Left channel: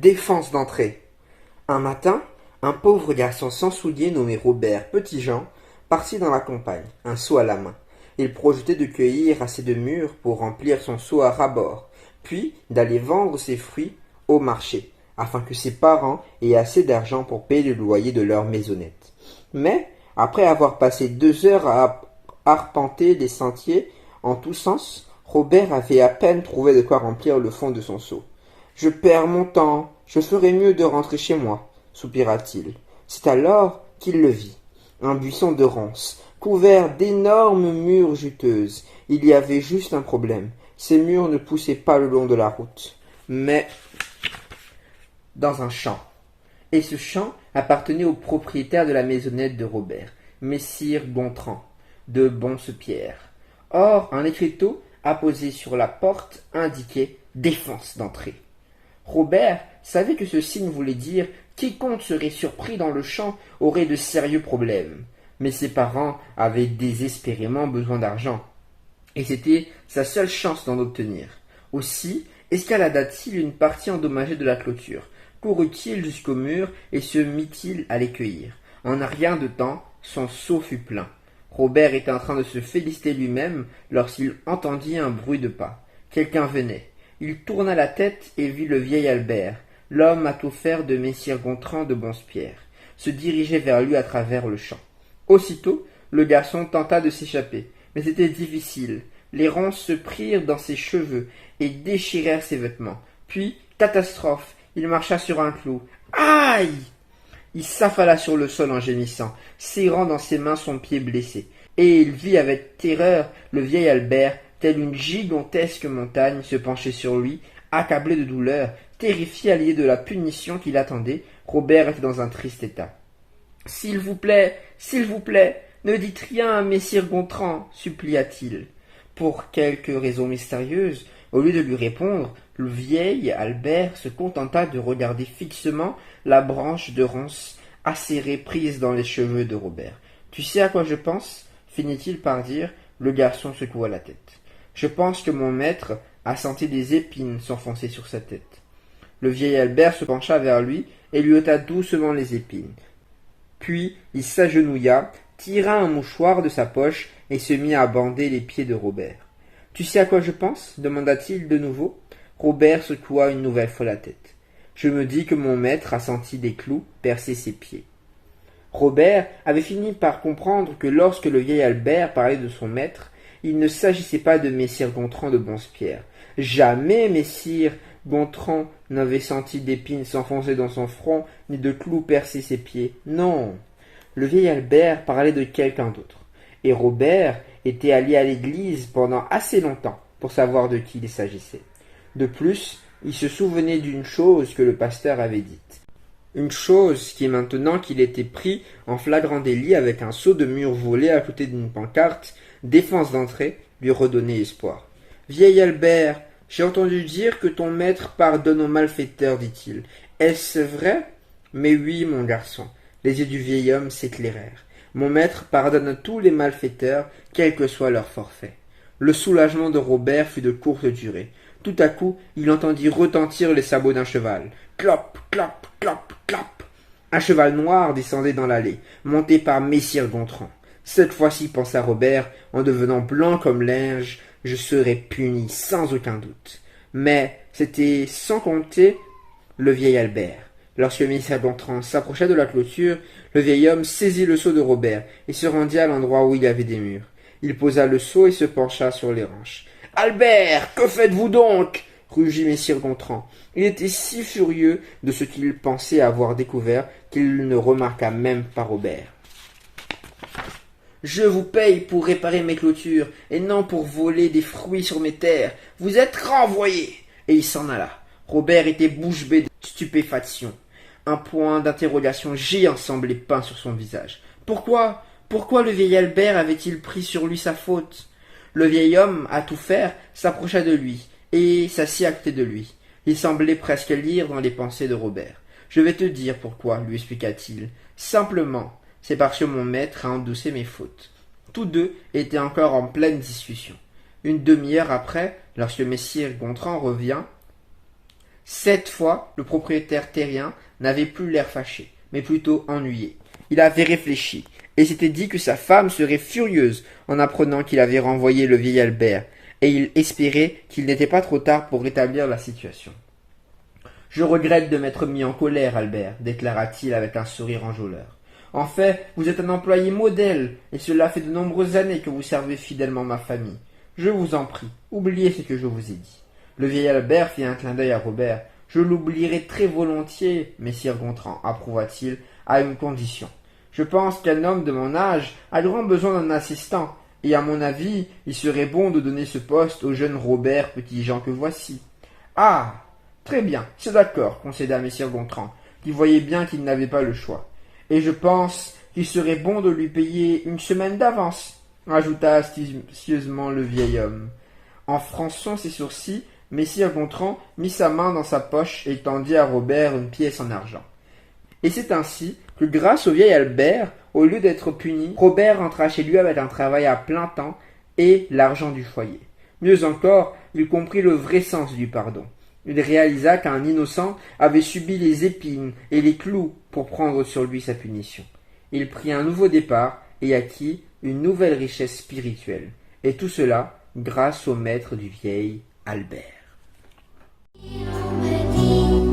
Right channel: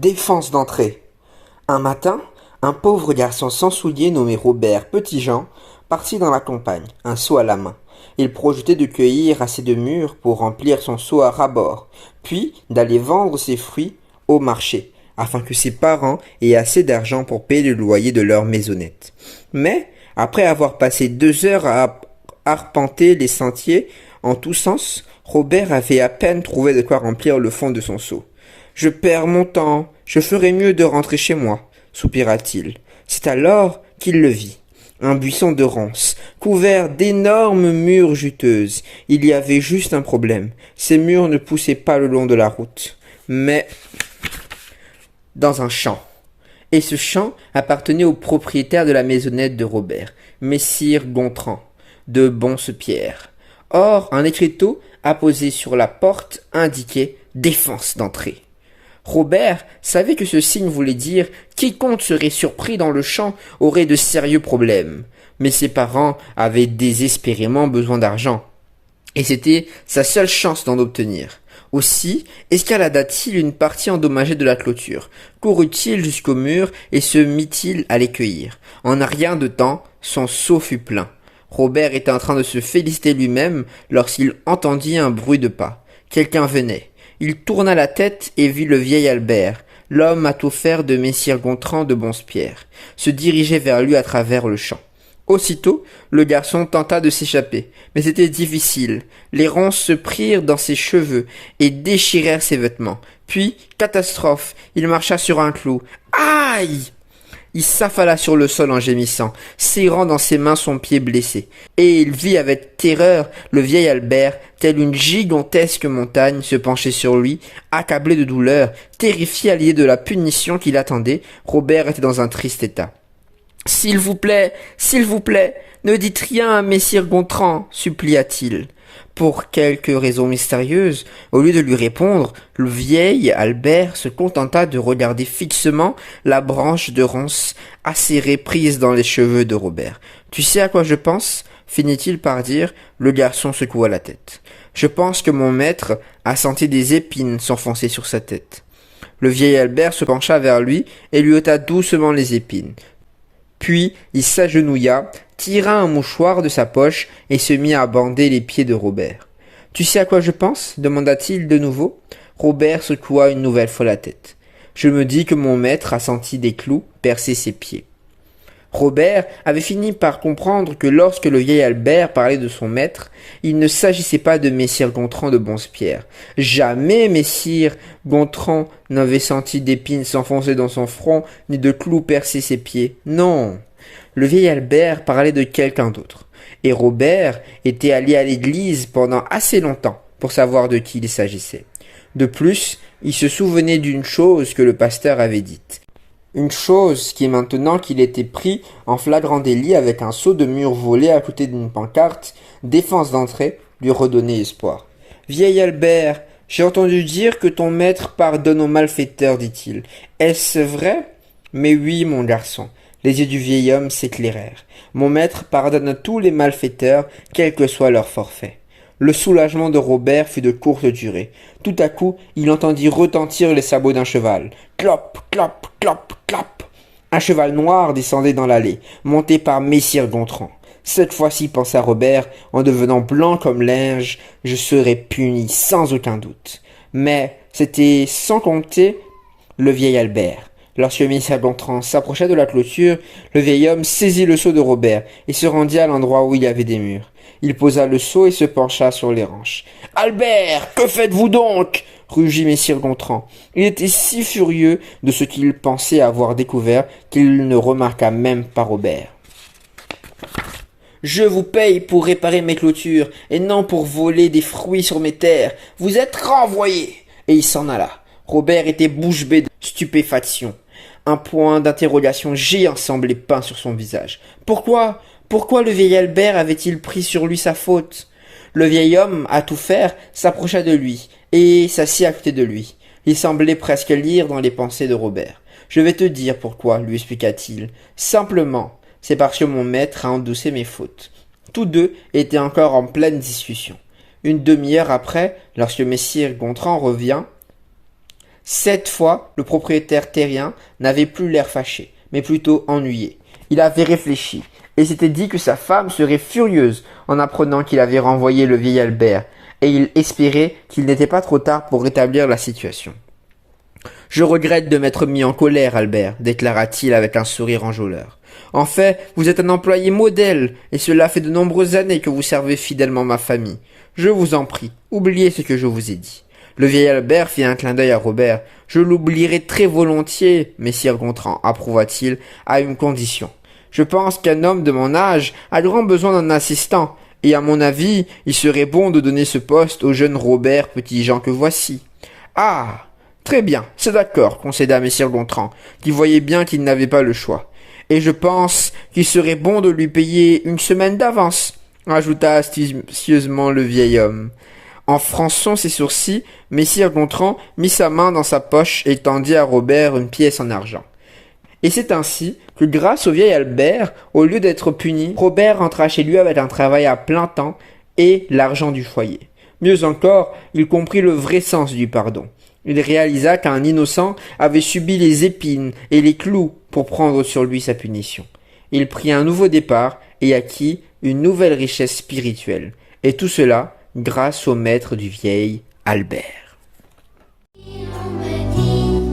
Défense d'entrée. Un matin, un pauvre garçon sans souliers nommé Robert Petit-Jean partit dans la campagne, un seau à la main. Il projetait de cueillir assez de mûres pour remplir son seau à ras-bord, puis d'aller vendre ses fruits au marché, afin que ses parents aient assez d'argent pour payer le loyer de leur maisonnette. Mais, après avoir passé 2 heures à arpenter les sentiers en tous sens, Robert avait à peine trouvé de quoi remplir le fond de son seau. « Je perds mon temps, je ferais mieux de rentrer chez moi, » soupira-t-il. C'est alors qu'il le vit. Un buisson de ronces, couvert d'énormes mûres juteuses. Il y avait juste un problème. Ces mûres ne poussaient pas le long de la route, mais dans un champ. Et ce champ appartenait au propriétaire de la maisonnette de Robert, Messire Gontran, de Bonse-Pierre. Or, un écriteau apposé sur la porte indiquait « Défense d'entrée ». Robert savait que ce signe voulait dire « Quiconque serait surpris dans le champ aurait de sérieux problèmes ». Mais ses parents avaient désespérément besoin d'argent, et c'était sa seule chance d'en obtenir. Aussi escalada-t-il une partie endommagée de la clôture, courut-il jusqu'au mur et se mit-il à les cueillir. En un rien de temps, son seau fut plein. Robert était en train de se féliciter lui-même lorsqu'il entendit un bruit de pas. Quelqu'un venait. Il tourna la tête et vit le vieil Albert, l'homme à tout faire de Messire Gontran de Bonse-Pierre, se diriger vers lui à travers le champ. Aussitôt, le garçon tenta de s'échapper, mais c'était difficile. Les ronces se prirent dans ses cheveux et déchirèrent ses vêtements. Puis, catastrophe, il marcha sur un clou. Aïe! Il s'affala sur le sol en gémissant, serrant dans ses mains son pied blessé. Et il vit avec terreur le vieil Albert, tel une gigantesque montagne, se pencher sur lui, accablé de douleur, terrifié à l'idée de la punition qui l'attendait. Robert était dans un triste état. « S'il vous plaît, ne dites rien à Messire Gontran, supplia-t-il. » Pour quelque raison mystérieuse, au lieu de lui répondre, le vieil Albert se contenta de regarder fixement la branche de ronce acérée prise dans les cheveux de Robert. « Tu sais à quoi je pense ?» finit-il par dire. Le garçon secoua la tête. « Je pense que mon maître a senti des épines s'enfoncer sur sa tête. » Le vieil Albert se pencha vers lui et lui ôta doucement les épines. Puis il s'agenouilla, tira un mouchoir de sa poche et se mit à bander les pieds de Robert. « Tu sais à quoi je pense ?» demanda-t-il de nouveau. Robert secoua une nouvelle fois la tête. « Je me dis que mon maître a senti des clous percer ses pieds. » Robert avait fini par comprendre que lorsque le vieil Albert parlait de son maître, il ne s'agissait pas de Messire Gontran de Bonse-Pierre. Jamais Messire Gontran n'avait senti d'épines s'enfoncer dans son front, ni de clous percer ses pieds. Non, le vieil Albert parlait de quelqu'un d'autre. Et Robert était allé à l'église pendant assez longtemps pour savoir de qui il s'agissait. De plus, il se souvenait d'une chose que le pasteur avait dite. Une chose qui, maintenant qu'il était pris en flagrant délit avec un seau de mûres volé à côté d'une pancarte, défense d'entrée, lui redonnait espoir. « Vieil Albert, j'ai entendu dire que ton maître pardonne aux malfaiteurs, dit-il. Est-ce vrai ?»« Mais oui, mon garçon. » Les yeux du vieil homme s'éclairèrent. « Mon maître pardonne à tous les malfaiteurs, quel que soit leur forfait. » Le soulagement de Robert fut de courte durée. Tout à coup, il entendit retentir les sabots d'un cheval. Clop, clop, clop, clop. Un cheval noir descendait dans l'allée, monté par Messire Gontran. Cette fois-ci, pensa Robert, en devenant blanc comme linge, je serai puni sans aucun doute. Mais c'était sans compter le vieil Albert. Lorsque Messire Gontran s'approcha de la clôture, le vieil homme saisit le seau de Robert et se rendit à l'endroit où il y avait des murs. Il posa le seau et se pencha sur les hanches. « Albert, que faites-vous donc ?» rugit Messire Gontran. Il était si furieux de ce qu'il pensait avoir découvert qu'il ne remarqua même pas Robert. « Je vous paye pour réparer mes clôtures et non pour voler des fruits sur mes terres. Vous êtes renvoyés !» Et il s'en alla. Robert était bouche bée de stupéfaction. Un point d'interrogation géant semblait peint sur son visage. « Pourquoi le vieil Albert avait-il pris sur lui sa faute ?» Le vieil homme, à tout faire, s'approcha de lui et s'assit à côté de lui. Il semblait presque lire dans les pensées de Robert. « Je vais te dire pourquoi, lui expliqua-t-il. Simplement, c'est parce que mon maître a endossé mes fautes. » Tous deux étaient encore en pleine discussion. Une demi-heure après, lorsque Messire Gontran revint, Cette fois, le propriétaire terrien n'avait plus l'air fâché, mais plutôt ennuyé. Il avait réfléchi, et s'était dit que sa femme serait furieuse en apprenant qu'il avait renvoyé le vieil Albert, et il espérait qu'il n'était pas trop tard pour rétablir la situation. Je regrette de m'être mis en colère, Albert, déclara-t-il avec un sourire enjôleur. En fait, vous êtes un employé modèle, et cela fait de nombreuses années que vous servez fidèlement ma famille. Je vous en prie, oubliez ce que je vous ai dit. Le vieil Albert fit un clin d'œil à Robert. Je l'oublierai très volontiers, messire Gontran, approuva-t-il, à une condition. Je pense qu'un homme de mon âge a grand besoin d'un assistant, et à mon avis, il serait bon de donner ce poste au jeune Robert Petit-Jean que voici. Ah, très bien, c'est d'accord, concéda messire Gontran, qui voyait bien qu'il n'avait pas le choix. Et je pense qu'il serait bon de lui payer une semaine d'avance, ajouta astucieusement le vieil homme. En fronçant ses sourcils, messire Gontran mit sa main dans sa poche et tendit à Robert une pièce en argent. Et c'est ainsi que grâce au vieil Albert, au lieu d'être puni, Robert rentra chez lui avec un travail à plein temps et l'argent du foyer. Mieux encore, il comprit le vrai sens du pardon. Il réalisa qu'un innocent avait subi les épines et les clous pour prendre sur lui sa punition. Il prit un nouveau départ et acquit une nouvelle richesse spirituelle. Et tout cela grâce au maître du vieil Albert. On me dit